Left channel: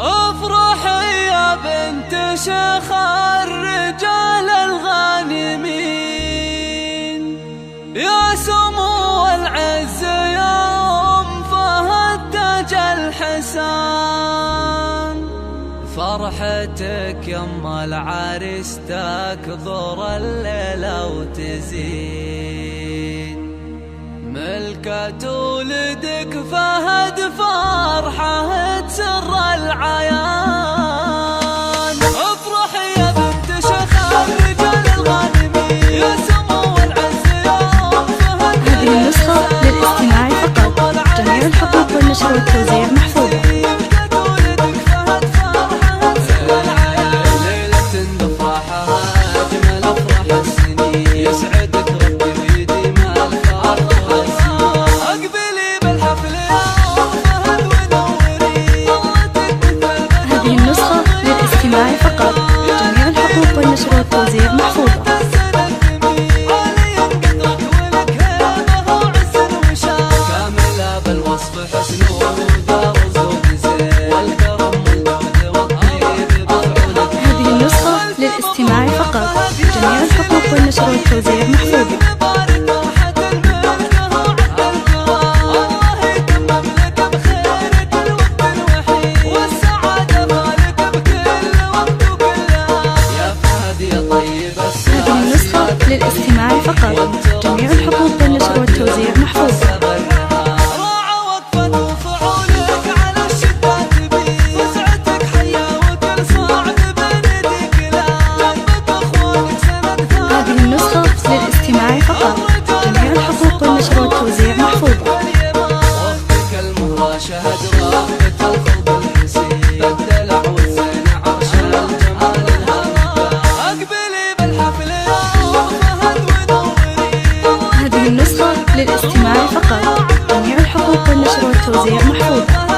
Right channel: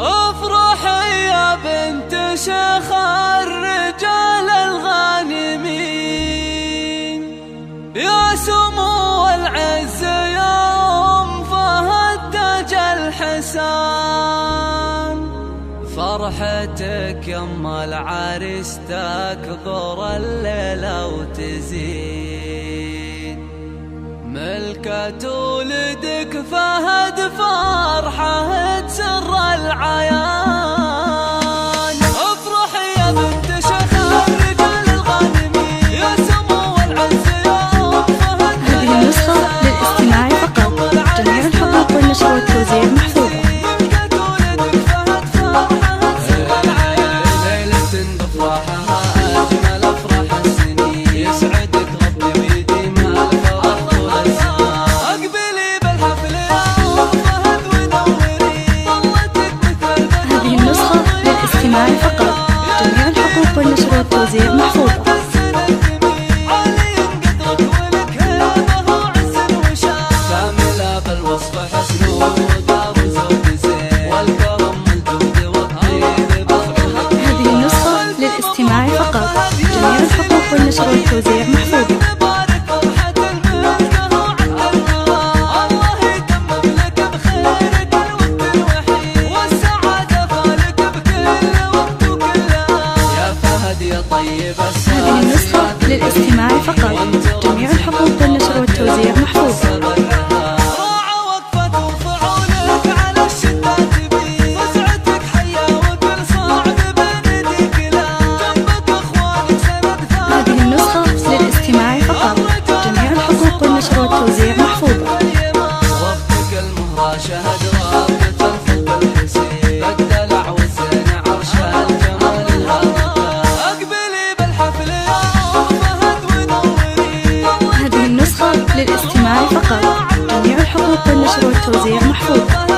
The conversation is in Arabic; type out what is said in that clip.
افرحي يا بنت شيخ الرجال الغانمين، يا سمو العز يا أم فهد تاج الحسان. فرحتك يم العريس تكبر الليلة وتزين، ملكة ولدك فهد فرحة تسر العيان. افرحي يا بنت شيخ الرجال الغانمين، يا سمو العز يا أم فهد. هذه النسخة للاستماع فقط، جميع الحقوق والنشر والتوزيع محفوظة. للاستماع فقط، جميع الحقوق والنشر والتوزيع محفوظة. هذه النسخة للاستماع فقط، جميع الحقوق والنشر والتوزيع محفوظة. هذه النسخة للاستماع فقط، جميع الحقوق والنشر والتوزيع محفوظة. راعى وقفة وفعولك على الشدة تبين، فزعتك حيا وكل صعب بنديك لا جنبك اخوانك سند ثابت. هذه النسخة للاستماع فقط، جميع الحقوق والنشر والتوزيع محفوظة. وقتك المهوى شهد رابط الخلق الحسين، الدلع والزين عرش الجمال اقبلي بالحفل يا أم فهد ونوري. هذه النسخة للاستماع فقط، جميع الحقوق والنشر والتوزيع محفوظة.